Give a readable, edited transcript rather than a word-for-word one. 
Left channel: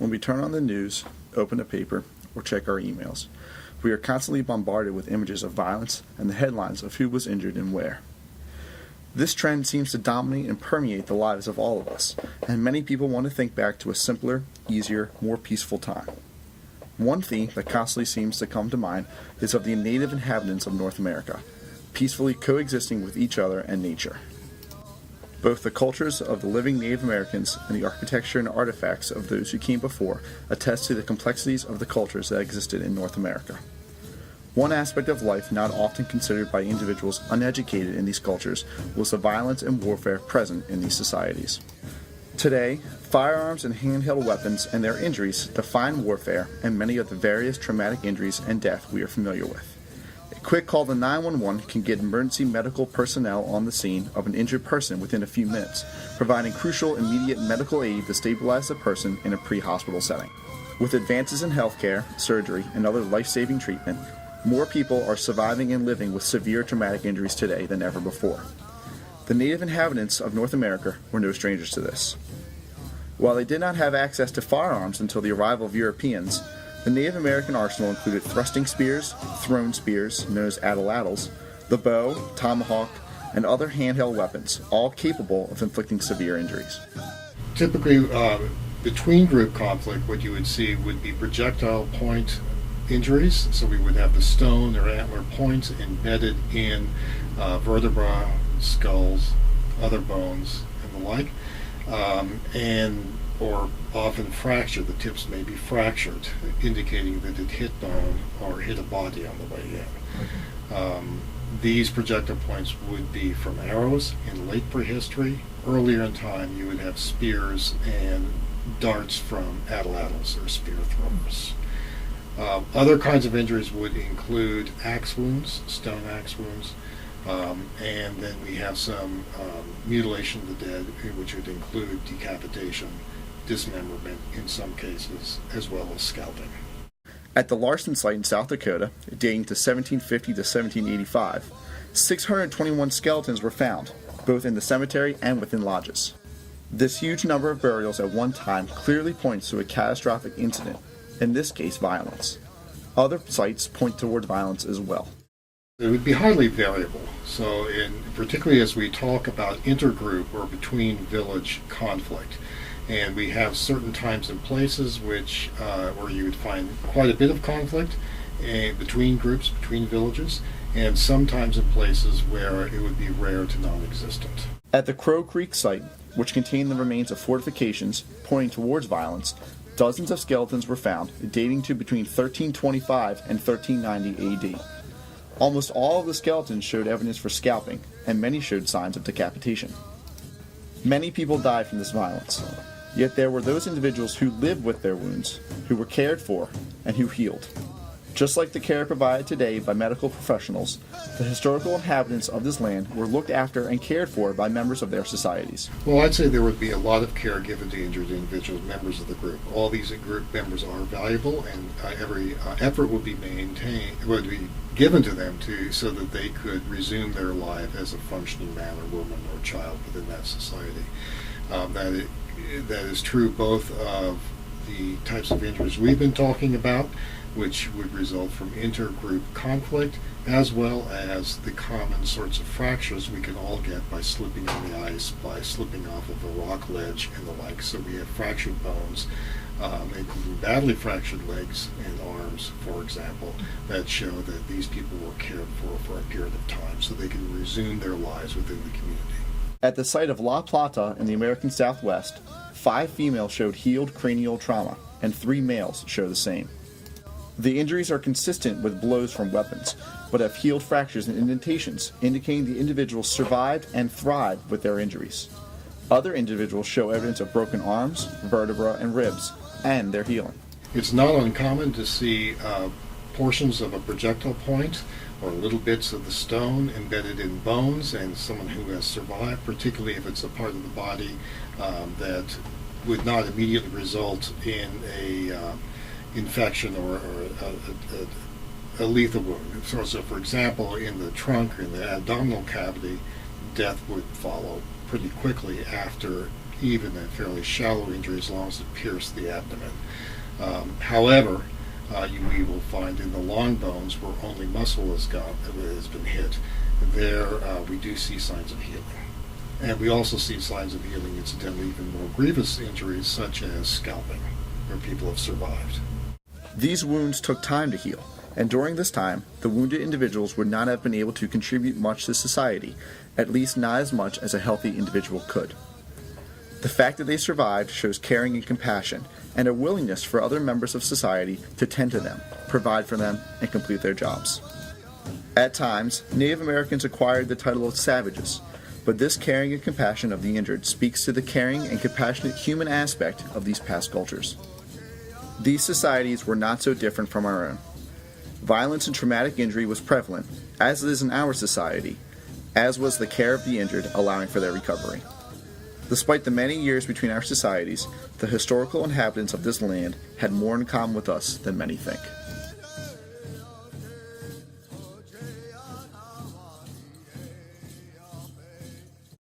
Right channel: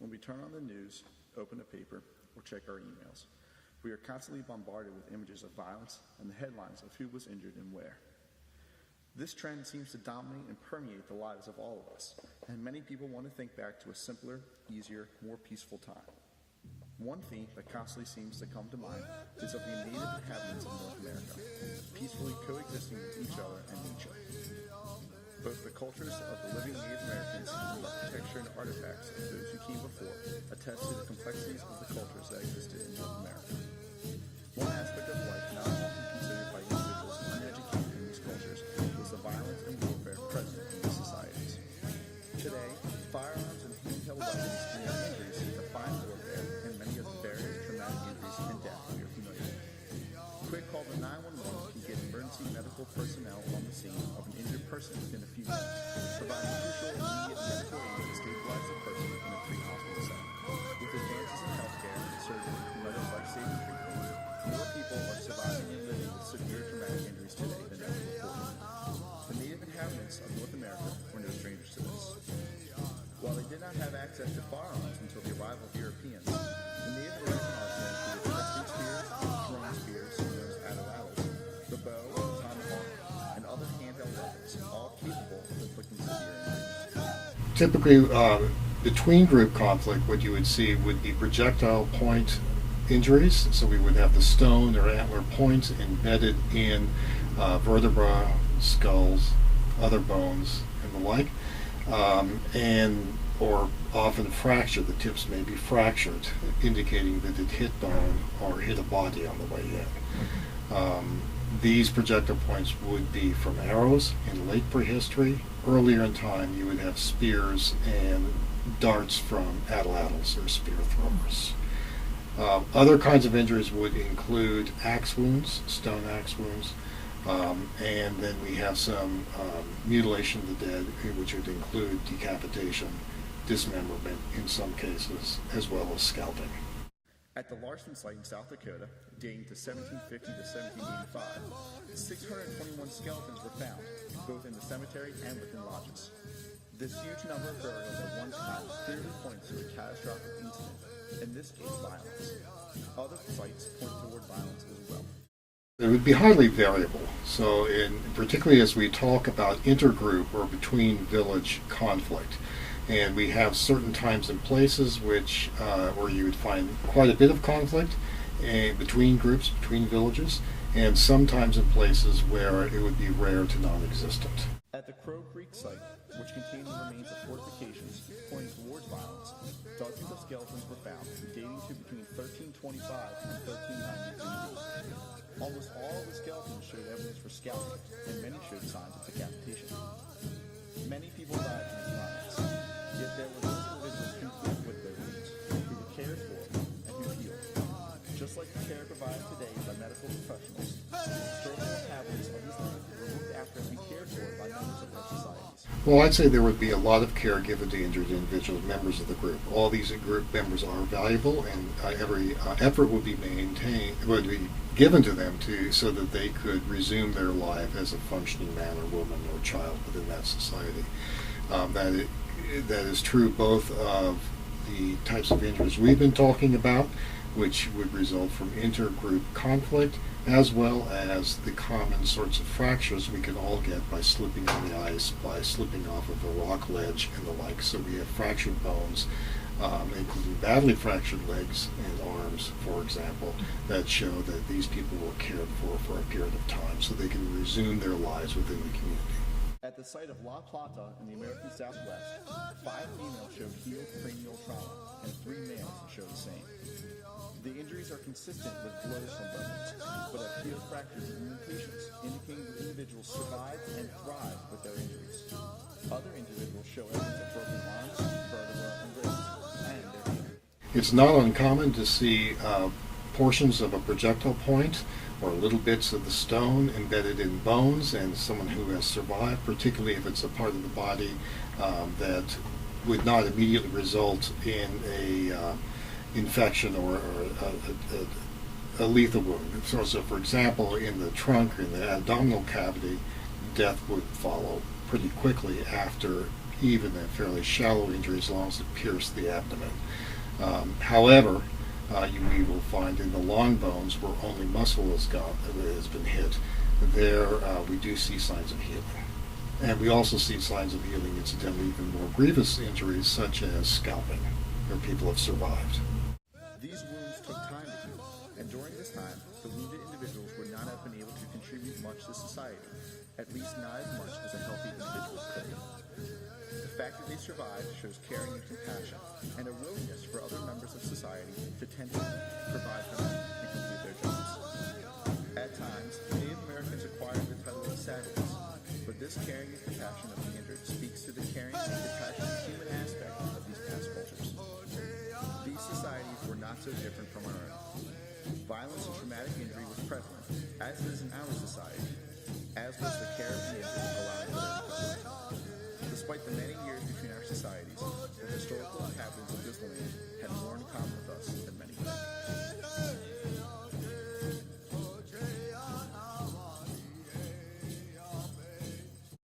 When we turn on the news, open a paper, or check our emails, we are constantly bombarded with images of violence and the headlines of who was injured and where. This trend seems to dominate and permeate the lives of all of us, and many people want to think back to a simpler, easier, more peaceful time. One theme that constantly seems to come to mind is of the native inhabitants of North America, peacefully coexisting with each other and nature. Both the cultures of the living Native Americans and the architecture and artifacts of those who came before attest to the complexities of the cultures that existed in North America. One aspect of life not often considered by individuals uneducated in these cultures was the violence and warfare present in these societies. Today, firearms and handheld weapons and their injuries define warfare and many of the various traumatic injuries and death we are familiar with. A quick call to 911 can get emergency medical personnel on the scene of an injured person within a few minutes, providing crucial immediate medical aid to stabilize the person in a pre-hospital setting. With advances in healthcare, surgery, and other life-saving treatment, more people are surviving and living with severe traumatic injuries today than ever before. The native inhabitants of North America were no strangers to this. While they did not have access to firearms until the arrival of Europeans, the Native American arsenal included thrusting spears, thrown spears, known as atlatls, the bow, tomahawk, and other handheld weapons, all capable of inflicting severe injuries. Typically, between group conflict, what you would see would be projectile point injuries. So we would have the stone or antler points embedded in vertebra, skulls, other bones, and the like, or often fracture. The tips may be fractured, indicating that it hit bone or hit a body on the way in. These projectile points would be from arrows in late prehistory. Earlier in time, you would have spears and darts from atlatls or spear throwers. Other kinds of injuries would include axe wounds, stone axe wounds, and then we have some mutilation of the dead, which would include decapitation, dismemberment in some cases, as well as scalping. At the Larson site in South Dakota, dating to 1750 to 1785, 621 skeletons were found, both in the cemetery and within lodges. This huge number of burials at one time clearly points to a catastrophic incident, in this case violence. Other sites point toward violence as well. It would be highly variable. So particularly as we talk about intergroup or between village conflict, and we have certain times and places where you would find quite a bit of conflict between groups, between villages, and sometimes in places where it would be rare to non-existent. At the Crow Creek site, which contained the remains of fortifications pointing towards violence, dozens of skeletons were found, dating to between 1325 and 1390 AD. Almost all of the skeletons showed evidence for scalping, and many showed signs of decapitation. Many people died from this violence, yet there were those individuals who lived with their wounds, who were cared for, and who healed. Just like the care provided today by medical professionals, the historical inhabitants of this land were looked after and cared for by members of their societies. Well, I'd say there would be a lot of care given to injured individuals, members of the group. All these group members are valuable, and every effort would be given to them so that they could resume their life as a functioning man or woman or child within that society. That is true both of the types of injuries we've been talking about, which would result from intergroup conflict, as well as the common sorts of fractures we can all get by slipping on the ice, by slipping off of a rock ledge and the like. So we have fractured bones, including badly fractured legs and arms, for example, that show that these people were cared for a period of time so they can resume their lives within the community. At the site of La Plata in the American Southwest, 5 females showed healed cranial trauma, and 3 males show the same. The injuries are consistent with blows from weapons, but have healed fractures and indentations, indicating the individuals survived and thrived with their injuries. Other individuals show evidence of broken arms, vertebra, and ribs, and their healing. It's not uncommon to see portions of a projectile point or little bits of the stone embedded in bones, and someone who has survived, particularly if it's a part of the body that would not immediately result in a infection or a lethal wound. So, for example, in the trunk or in the abdominal cavity, death would follow pretty quickly after even a fairly shallow injury as long as it pierced the abdomen. However, we will find in the long bones where only muscle has been hit, there we do see signs of healing. And we also see signs of healing, incidentally, even more grievous injuries such as scalping, where people have survived. These wounds took time to heal, and during this time, the wounded individuals would not have been able to contribute much to society, at least not as much as a healthy individual could. The fact that they survived shows caring and compassion, and a willingness for other members of society to tend to them, provide for them, and complete their jobs. At times, Native Americans acquired the title of savages, but this caring and compassion of the injured speaks to the caring and compassionate human aspect of these past cultures. These societies were not so different from our own. Violence and traumatic injury was prevalent, as it is in our society, as was the care of the injured, allowing for their recovery. Despite the many years between our societies, the historical inhabitants of this land had more in common with us than many think.